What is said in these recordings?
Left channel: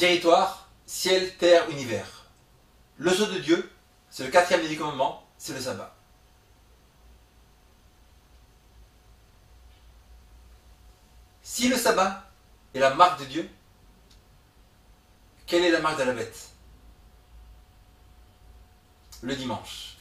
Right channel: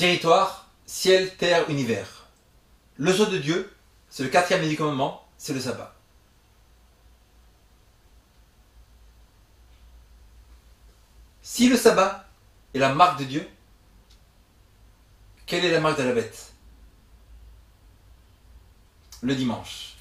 territoire, ciel, terre, univers. Le sceau de Dieu, c'est le quatrième des commandements, c'est le sabbat. Si le sabbat est la marque de Dieu, quelle est la marque de la bête? Le dimanche.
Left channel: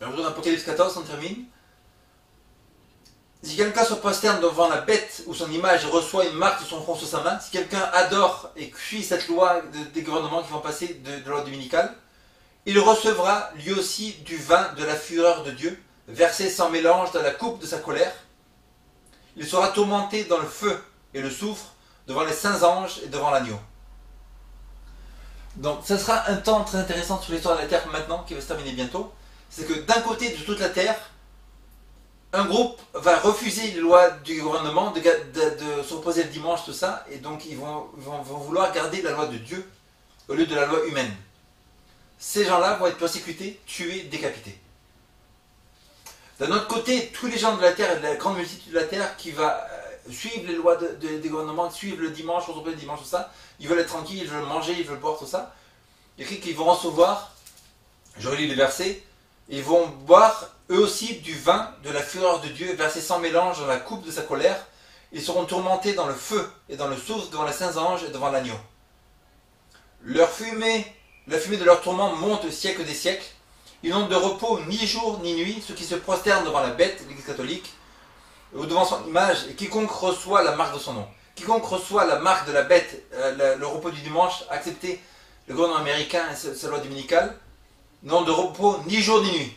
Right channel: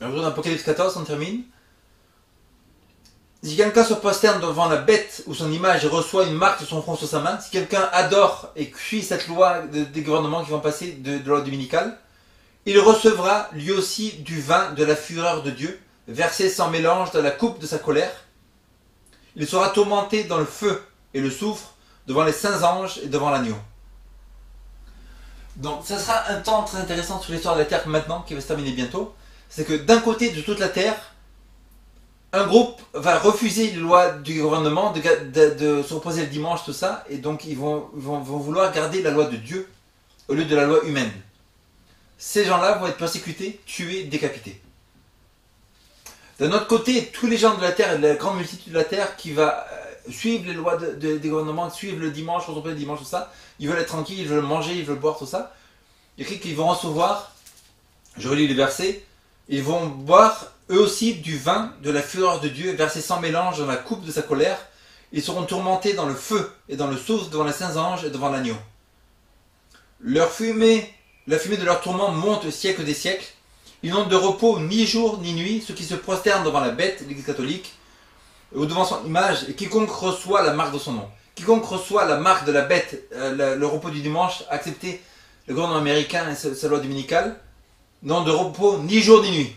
Alors, dans Apocalypse 14, on termine. Si quelqu'un se prosterne devant la bête ou son image et reçoit une marque de son front sur sa main, si quelqu'un adore et suit cette loi des gouvernements qui vont passer de loi dominicale, il recevra lui aussi du vin de la fureur de Dieu, versé sans mélange dans la coupe de sa colère. Il sera tourmenté dans le feu et le soufre devant les saints anges et devant l'agneau. Donc, ce sera un temps très intéressant sur l'histoire de la terre maintenant, qui va se terminer bientôt. C'est que d'un côté de toute la terre, un groupe va refuser les lois du gouvernement de se reposer le dimanche, tout ça, et donc ils vont vouloir garder la loi de Dieu au lieu de la loi humaine. Ces gens-là vont être persécutés, tués, décapités. D'un autre côté, tous les gens de la terre et de la grande multitude de la terre qui va suivre les lois des gouvernements, suivre le dimanche, se reposer le dimanche, tout ça, ils veulent être tranquilles, ils veulent manger, ils veulent boire, tout ça. Il écrit qu'ils vont recevoir, je relis les versets, ils vont boire eux aussi du vin de la fureur de Dieu versé sans mélange dans la coupe de sa colère. Ils seront tourmentés dans le feu et dans le soufre devant les saints anges et devant l'agneau. La fumée de leur tourment monte au siècle des siècles. Ils n'ont de repos ni jour ni nuit, ceux qui se prosternent devant la bête, l'Église catholique, ou devant son image, et quiconque reçoit la marque de son nom. Quiconque reçoit la marque de la bête, le repos du dimanche, accepter le gouvernement américain et sa loi dominicale, n'ont de repos ni jour ni nuit.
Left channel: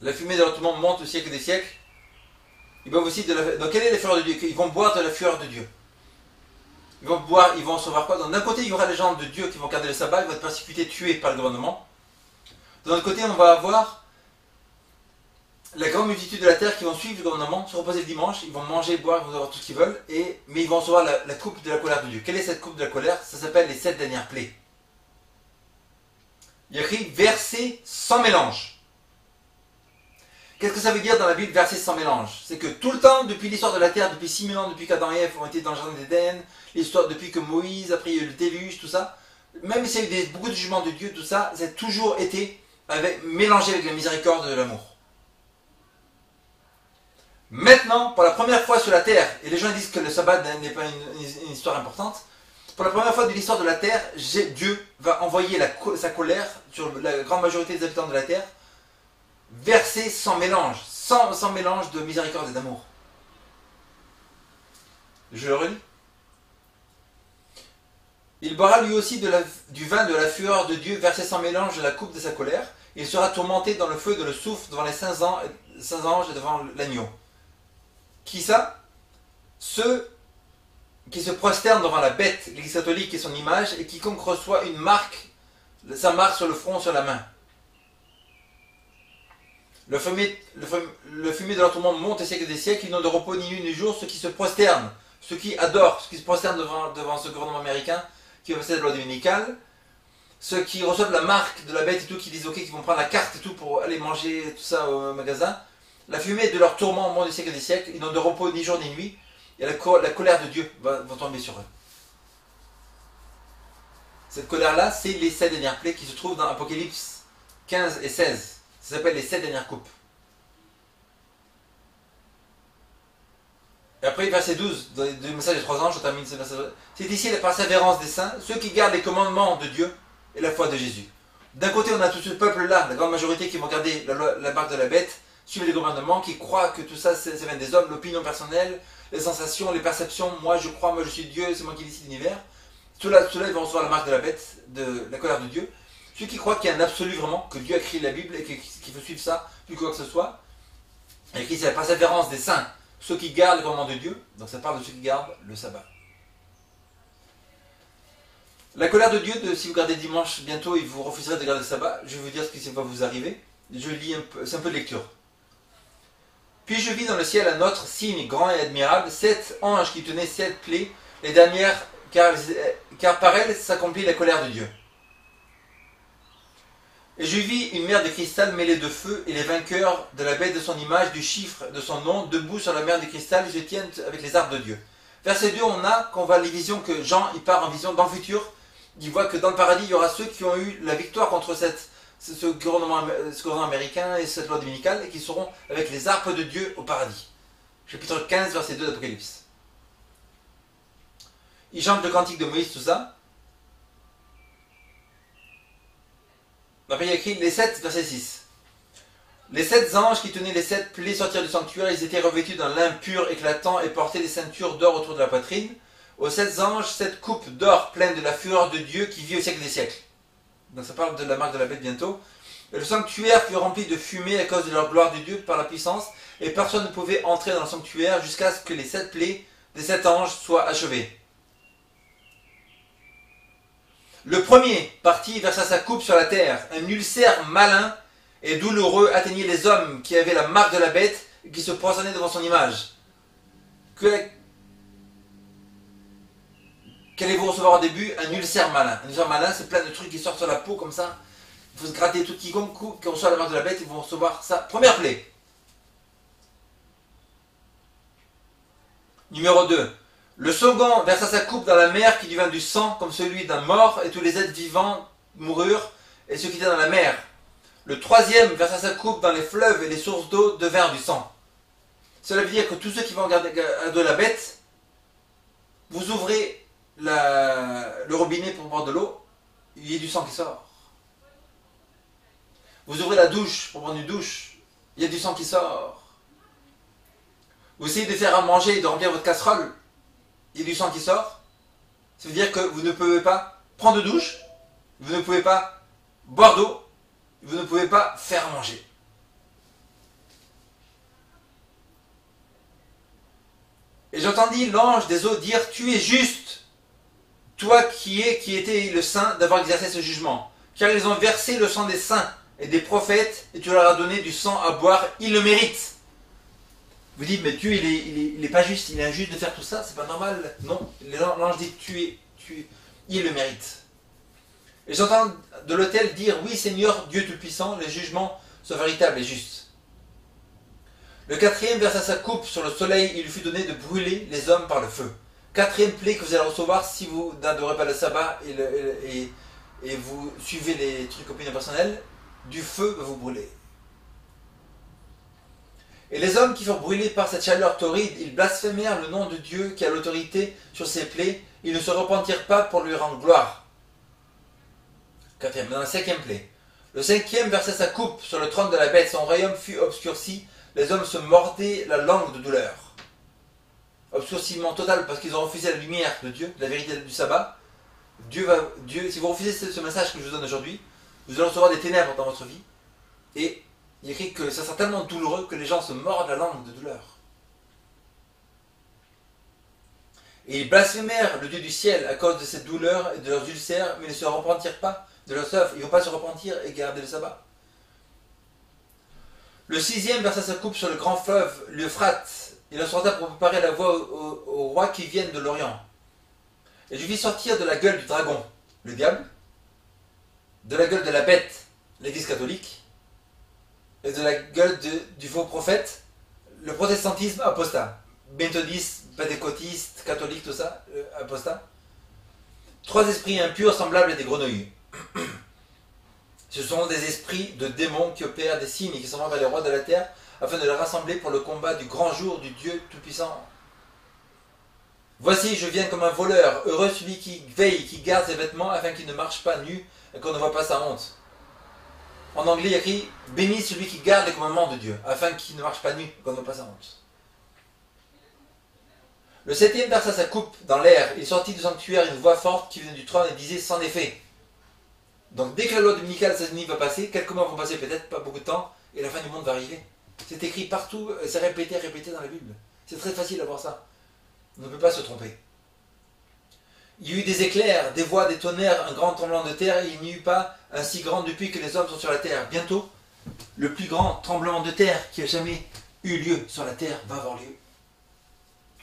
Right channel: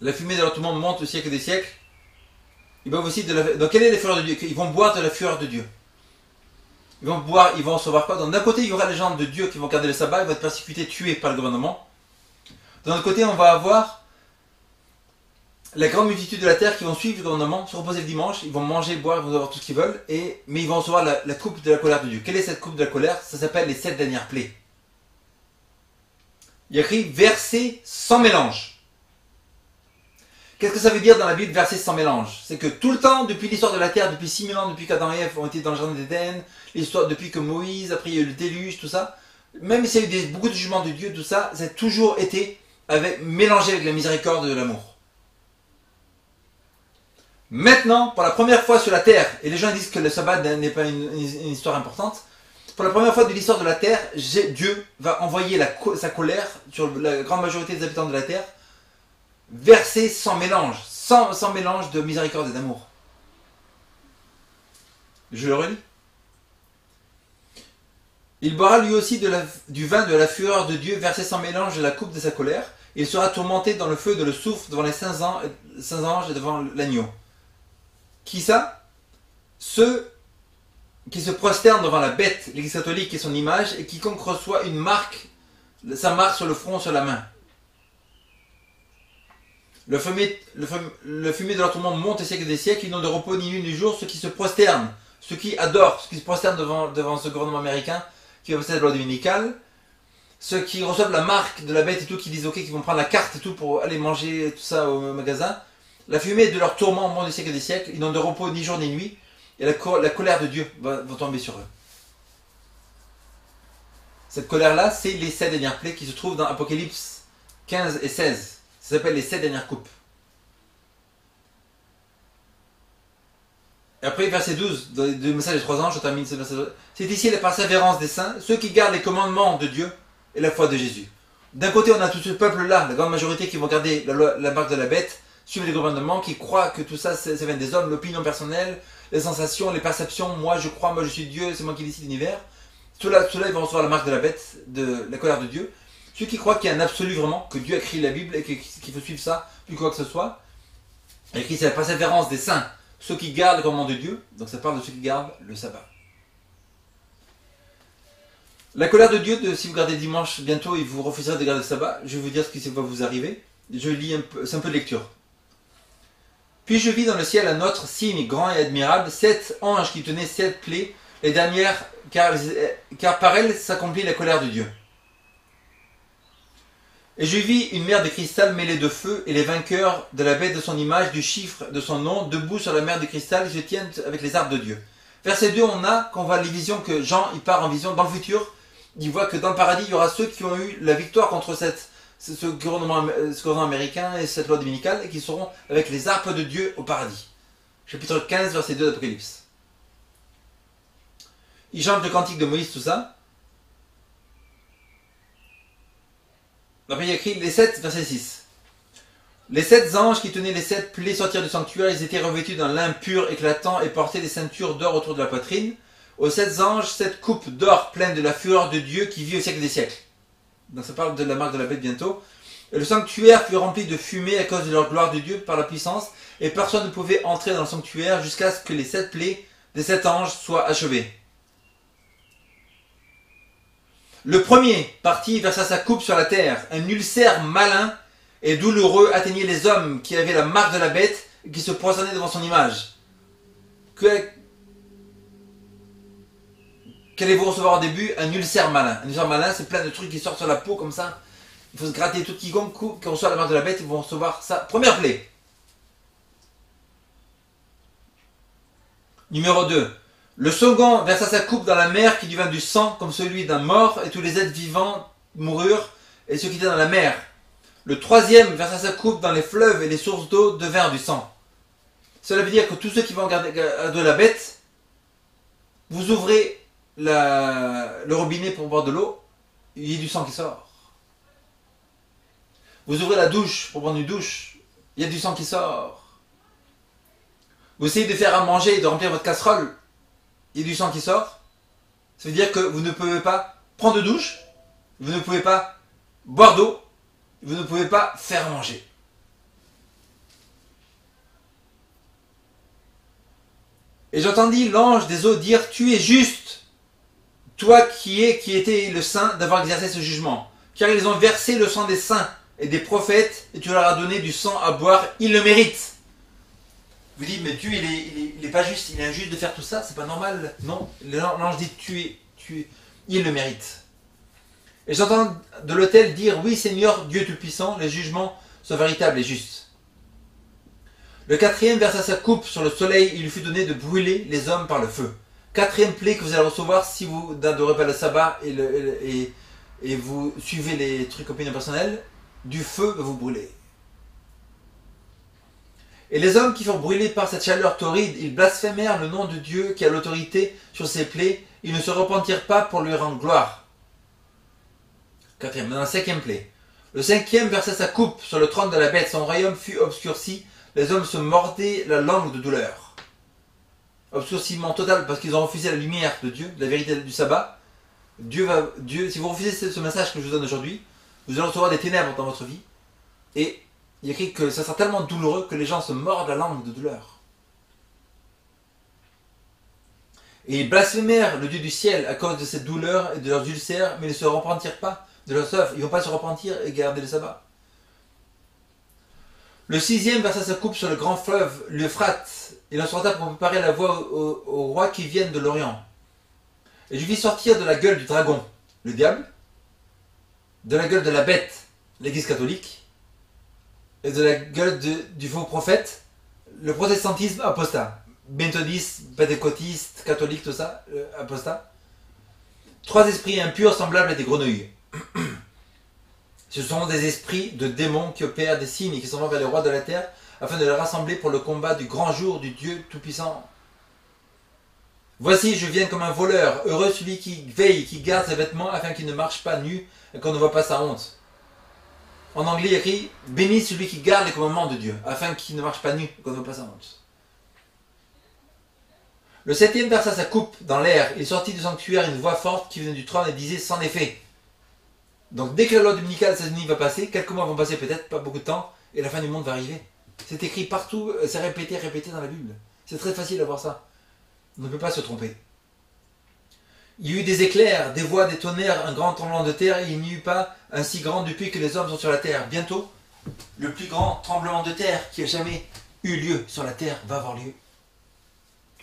La fumée de leur tourment monte au siècle des siècles. Ils boivent aussi donc quelle est la fureur de Dieu? Ils vont boire de la fureur de Dieu. Ils vont boire, ils vont recevoir quoi? Donc d'un côté, il y aura les gens de Dieu qui vont garder le sabbat, ils vont être persécutés, tués par le gouvernement. De l'autre côté, on va avoir la grande multitude de la terre qui vont suivre le gouvernement, se reposer le dimanche, ils vont manger, boire, ils vont avoir tout ce qu'ils veulent, mais ils vont recevoir la coupe de la colère de Dieu. Quelle est cette coupe de la colère? Ça s'appelle les 7 dernières plaies. Il y a écrit versé sans mélange. Qu'est-ce que ça veut dire dans la Bible, versé sans mélange? C'est que tout le temps, depuis l'histoire de la terre, depuis 6000 ans, depuis qu'Adam et Ève ont été dans le jardin d'Éden, l'histoire depuis que Moïse, après il y a eu le déluge, tout ça, même s'il y a eu beaucoup de jugements de Dieu, tout ça, ça a toujours été mélangé avec la miséricorde de l'amour. Maintenant, pour la première fois sur la terre, et les gens disent que le sabbat n'est pas une histoire importante, pour la première fois de l'histoire de la terre, Dieu va envoyer sa colère sur la grande majorité des habitants de la terre, versé sans mélange, sans mélange de miséricorde et d'amour. Je le relis. Il boira lui aussi du vin de la fureur de Dieu, versé sans mélange de la coupe de sa colère. Il sera tourmenté dans le feu de le soufre devant les saints anges et devant l'agneau. Qui ça? Ceux qui se prosternent devant la bête, l'Église catholique et son image, et quiconque reçoit une marque, sa marque sur le front, sur la main. Le fumier de leur tourment monte au siècle des siècles, ils n'ont de repos ni nuit ni jour, ceux qui se prosternent, ceux qui adorent, ceux qui se prosternent devant ce gouvernement américain qui va passer la loi dominicale, ceux qui reçoivent la marque de la bête et tout, qui disent ok, qui vont prendre la carte et tout pour aller manger tout ça au magasin. La fumée de leur tourment monte au siècle des siècles, ils n'ont de repos ni jour ni nuit, et la colère de Dieu va tomber sur eux. Cette colère-là, c'est les 7 dernières plaies qui se trouvent dans Apocalypse 15 et 16. Ça s'appelle les 7 dernières coupes. Et après, verset 12, dans le message des 3 anges, je termine ce verset. C'est ici la persévérance des saints, ceux qui gardent les commandements de Dieu et la foi de Jésus. D'un côté, on a tout ce peuple-là, la grande majorité qui vont garder la marque de la bête, suivre les gouvernements, qui croient que tout ça, ça vient des hommes, l'opinion personnelle, les sensations, les perceptions, moi je crois, moi je suis Dieu, c'est moi qui décide l'univers. Ceux-là, ils vont recevoir la marque de la bête, de la colère de Dieu. Ceux qui croient qu'il y a un absolu vraiment, que Dieu a écrit la Bible et qu'il faut suivre ça, plus quoi que ce soit. Il écrit c'est la persévérance des saints, ceux qui gardent le commandement de Dieu, donc ça parle de ceux qui gardent le sabbat. La colère de Dieu, si vous gardez le dimanche bientôt et vous refuserez de garder le sabbat, je vais vous dire ce qui va vous arriver. Je lis c'est un peu de lecture. Puis je vis dans le ciel un autre signe grand et admirable, 7 anges qui tenaient 7 plaies, les dernières, car par elles s'accomplit la colère de Dieu. Et je vis une mer de cristal mêlée de feu, et les vainqueurs de la bête de son image, du chiffre de son nom, debout sur la mer de cristal, et se tiennent avec les arbres de Dieu. Verset 2, on a, quand on voit les visions que Jean, il part en vision dans le futur, il voit que dans le paradis, il y aura ceux qui ont eu la victoire contre ce gouvernement américain et cette loi dominicale, et qui seront avec les arpes de Dieu au paradis. Chapitre 15, verset 2 d'Apocalypse. Il chante le cantique de Moïse, tout ça. Après, il y a écrit les 7, verset 6. Les 7 anges qui tenaient les 7 plaies sortirent du sanctuaire, ils étaient revêtus d'un lin pur éclatant et portaient des ceintures d'or autour de la poitrine. Aux 7 anges, 7 coupes d'or pleines de la fureur de Dieu qui vit au siècle des siècles. Donc ça parle de la marque de la bête bientôt. Et le sanctuaire fut rempli de fumée à cause de leur gloire de Dieu par la puissance, et personne ne pouvait entrer dans le sanctuaire jusqu'à ce que les 7 plaies des 7 anges soient achevées. Le premier partit versa sa coupe sur la terre. Un ulcère malin et douloureux atteignait les hommes qui avaient la marque de la bête et qui se prosternaient devant son image. Qu'allez-vous recevoir au début? Un ulcère malin. Un ulcère malin, c'est plein de trucs qui sortent sur la peau comme ça. Il faut se gratter tout quiconque qui reçoit la marque de la bête, ils vont recevoir ça. Première plaie. Numéro 2. Le second versa sa coupe dans la mer qui devint du sang comme celui d'un mort, et tous les êtres vivants moururent, et ceux qui étaient dans la mer. Le troisième versa sa coupe dans les fleuves, et les sources d'eau devinrent du sang. Cela veut dire que tous ceux qui vont garder de la bête, vous ouvrez le robinet pour boire de l'eau, il y a du sang qui sort. Vous ouvrez la douche pour prendre une douche, il y a du sang qui sort. Vous essayez de faire à manger et de remplir votre casserole, il y a du sang qui sort. Ça veut dire que vous ne pouvez pas prendre de douche, vous ne pouvez pas boire d'eau, vous ne pouvez pas faire à manger. Et j'entendis l'ange des eaux dire: tu es juste, toi qui étais le saint, d'avoir exercé ce jugement, car ils ont versé le sang des saints et des prophètes, et tu leur as donné du sang à boire, ils le méritent. Vous dites, mais Dieu, il est pas juste, il est injuste de faire tout ça, c'est pas normal. Non, l'ange dit, il le mérite. Et j'entends de l'autel dire: oui Seigneur, Dieu Tout-Puissant, les jugements sont véritables et justes. Le quatrième versa sa coupe sur le soleil, il lui fut donné de brûler les hommes par le feu. Quatrième plaie que vous allez recevoir si vous n'adorez pas le sabbat et vous suivez les trucs opinions personnelles, du feu va vous brûler. Et les hommes qui furent brûlés par cette chaleur torride, ils blasphémèrent le nom de Dieu qui a l'autorité sur ses plaies, ils ne se repentirent pas pour lui rendre gloire. Quatrième, dans la cinquième plaie. Le cinquième versa sa coupe sur le trône de la bête, son royaume fut obscurci, les hommes se mordaient la langue de douleur. Obscurcissement total parce qu'ils ont refusé la lumière de Dieu, la vérité du sabbat. Dieu, si vous refusez ce message que je vous donne aujourd'hui, vous allez recevoir des ténèbres dans votre vie. Et il est écrit que ça sera tellement douloureux que les gens se mordent la langue de douleur. Et ils blasphémèrent le Dieu du ciel à cause de cette douleur et de leurs ulcères, mais ils ne se repentirent pas de leurs œuvres. Ils ne vont pas se repentir et garder le sabbat. Le sixième versa sa coupe sur le grand fleuve, l'Euphrate. Il en sorta pour préparer la voie aux rois qui viennent de l'Orient. Et je vis sortir de la gueule du dragon, le diable, de la gueule de la bête, l'église catholique, et de la gueule du faux prophète, le protestantisme apostat. Méthodiste, pentecôtiste, catholique, tout ça, apostat. 3 esprits impurs semblables à des grenouilles. Ce sont des esprits de démons qui opèrent des signes et qui s'en vont vers les rois de la terre afin de les rassembler pour le combat du grand jour du Dieu Tout-Puissant. Voici, je viens comme un voleur. Heureux celui qui veille, qui garde ses vêtements afin qu'il ne marche pas nu et qu'on ne voit pas sa honte. En anglais, il y a écrit: béni celui qui garde les commandements de Dieu afin qu'il ne marche pas nu et qu'on ne voit pas sa honte. Le septième versa sa coupe dans l'air. Il sortit du sanctuaire une voix forte qui venait du trône et disait: sans effet. Donc dès que la loi dominicale aux États-Unis va passer, quelques mois vont passer peut-être, pas beaucoup de temps, et la fin du monde va arriver. C'est écrit partout, c'est répété dans la Bible. C'est très facile à voir ça. On ne peut pas se tromper. Il y a eu des éclairs, des voix, des tonnerres, un grand tremblement de terre, et il n'y eut pas un si grand depuis que les hommes sont sur la terre. Bientôt, le plus grand tremblement de terre qui a jamais eu lieu sur la terre va avoir lieu.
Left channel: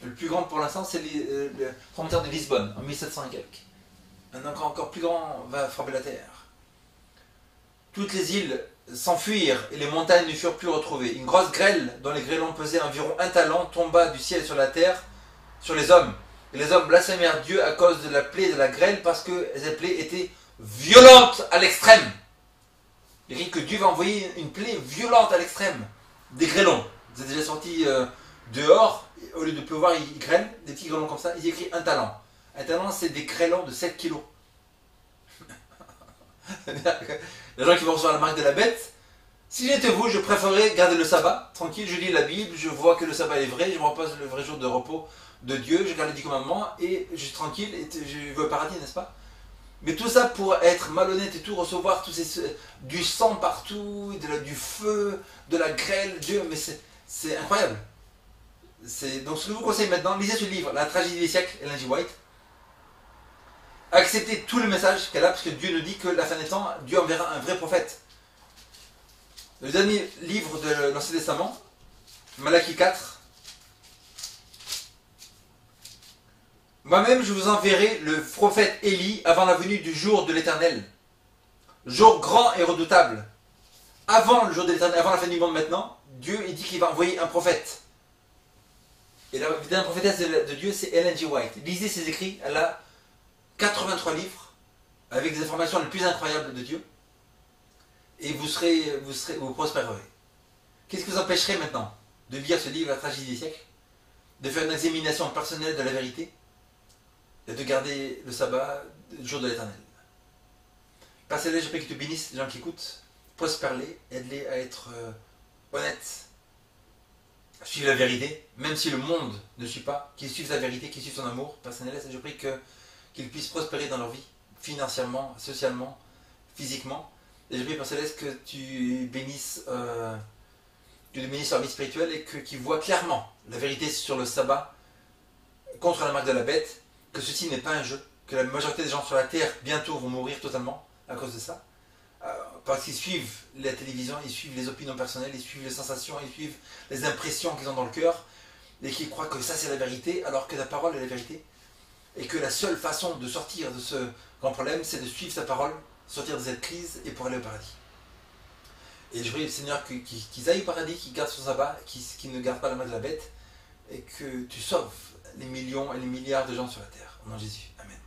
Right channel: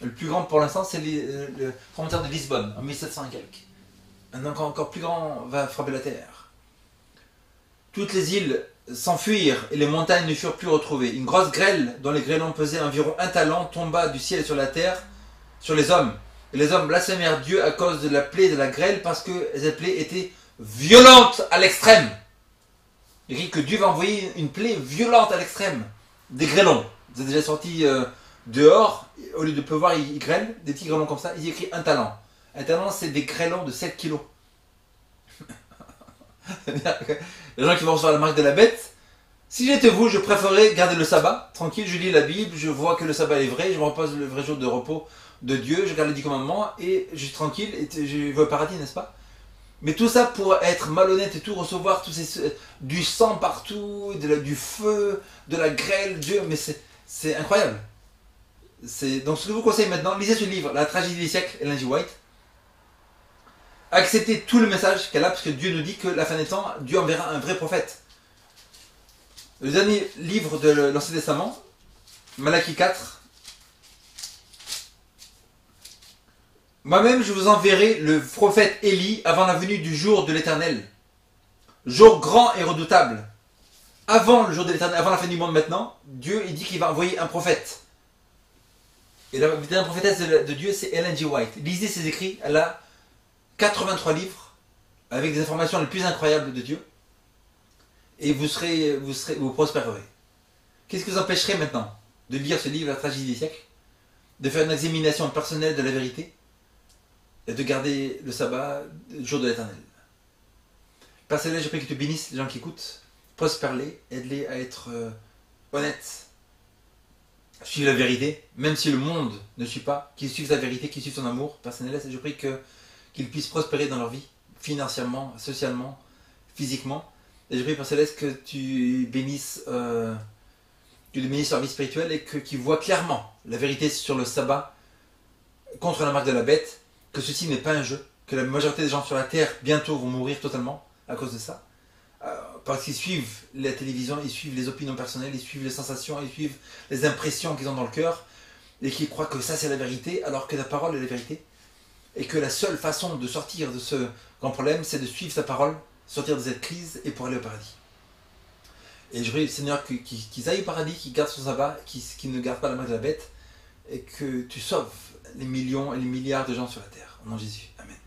Le plus grand pour l'instant, c'est le tremblement de Lisbonne, en 1700 et quelques. Un encore plus grand va frapper la terre. Toutes les îles s'enfuirent et les montagnes ne furent plus retrouvées. Une grosse grêle, dont les grêlons pesaient environ un talent, tomba du ciel sur la terre, sur les hommes. Et les hommes blasphémèrent Dieu à cause de la plaie de la grêle, parce que cette plaie était violente à l'extrême. Il dit que Dieu va envoyer une plaie violente à l'extrême. Des grêlons. Vous êtes déjà sortis dehors, au lieu de pleuvoir, il grêle, des petits grêlons comme ça. Il écrit un talent. Un talent, c'est des grêlons de 7 kilos. Les gens qui vont recevoir la marque de la bête, si j'étais vous, je préférerais garder le sabbat, tranquille, je lis la Bible, je vois que le sabbat est vrai, je me repose le vrai jour de repos de Dieu, je garde les 10 commandements et je suis tranquille et je vais au paradis, n'est-ce pas? Mais tout ça pour être malhonnête et tout, recevoir du sang partout, du feu, de la grêle, Dieu, mais c'est incroyable. Donc ce que je vous conseille maintenant, lisez ce livre, La tragédie des siècles, Ellen G. White. Acceptez tout le message qu'elle a, parce que Dieu nous dit que la fin des temps, Dieu enverra un vrai prophète. Le dernier livre de l'Ancien Testament, Malachie 4. Moi-même, je vous enverrai le prophète Élie avant la venue du jour de l'Éternel. Jour grand et redoutable. Avant le jour de l'Éternel, avant la fin du monde maintenant, Dieu il dit qu'il va envoyer un prophète. Et la dernière prophétesse de Dieu, c'est Ellen G. White. Lisez ses écrits, elle a 83 livres, avec des informations les plus incroyables de Dieu. Et vous prospérerez. Qu'est-ce qui vous empêcherait maintenant de lire ce livre, La tragédie des siècles, de faire une examination personnelle de la vérité, et de garder le sabbat le jour de l'Éternel? Père Céleste, je prie que tu bénisses les gens qui écoutent, prospère-les, aide-les à être honnêtes, à suivre la vérité, même si le monde ne suit pas, qu'ils suivent sa vérité, qu'ils suivent son amour. Père Céleste, je prie qu'ils puissent prospérer dans leur vie, financièrement, socialement, physiquement. Et je prie, Père Céleste, que tu bénisses leur vie spirituelle et qu'ils voient clairement la vérité sur le sabbat contre la marque de la bête, que ceci n'est pas un jeu, que la majorité des gens sur la terre bientôt vont mourir totalement à cause de ça. Parce qu'ils suivent la télévision, ils suivent les opinions personnelles, ils suivent les sensations, ils suivent les impressions qu'ils ont dans le cœur, et qu'ils croient que ça c'est la vérité, alors que la parole est la vérité. Et que la seule façon de sortir de ce grand problème, c'est de suivre sa parole, sortir de cette crise et pour aller au paradis. Et je prie, Seigneur, qu'ils aillent au paradis, qu'ils gardent son sabbat, qu'ils ne gardent pas la marque de la bête, et que tu sauves les millions et les milliards de gens sur la terre. Au nom de Jésus. Amen.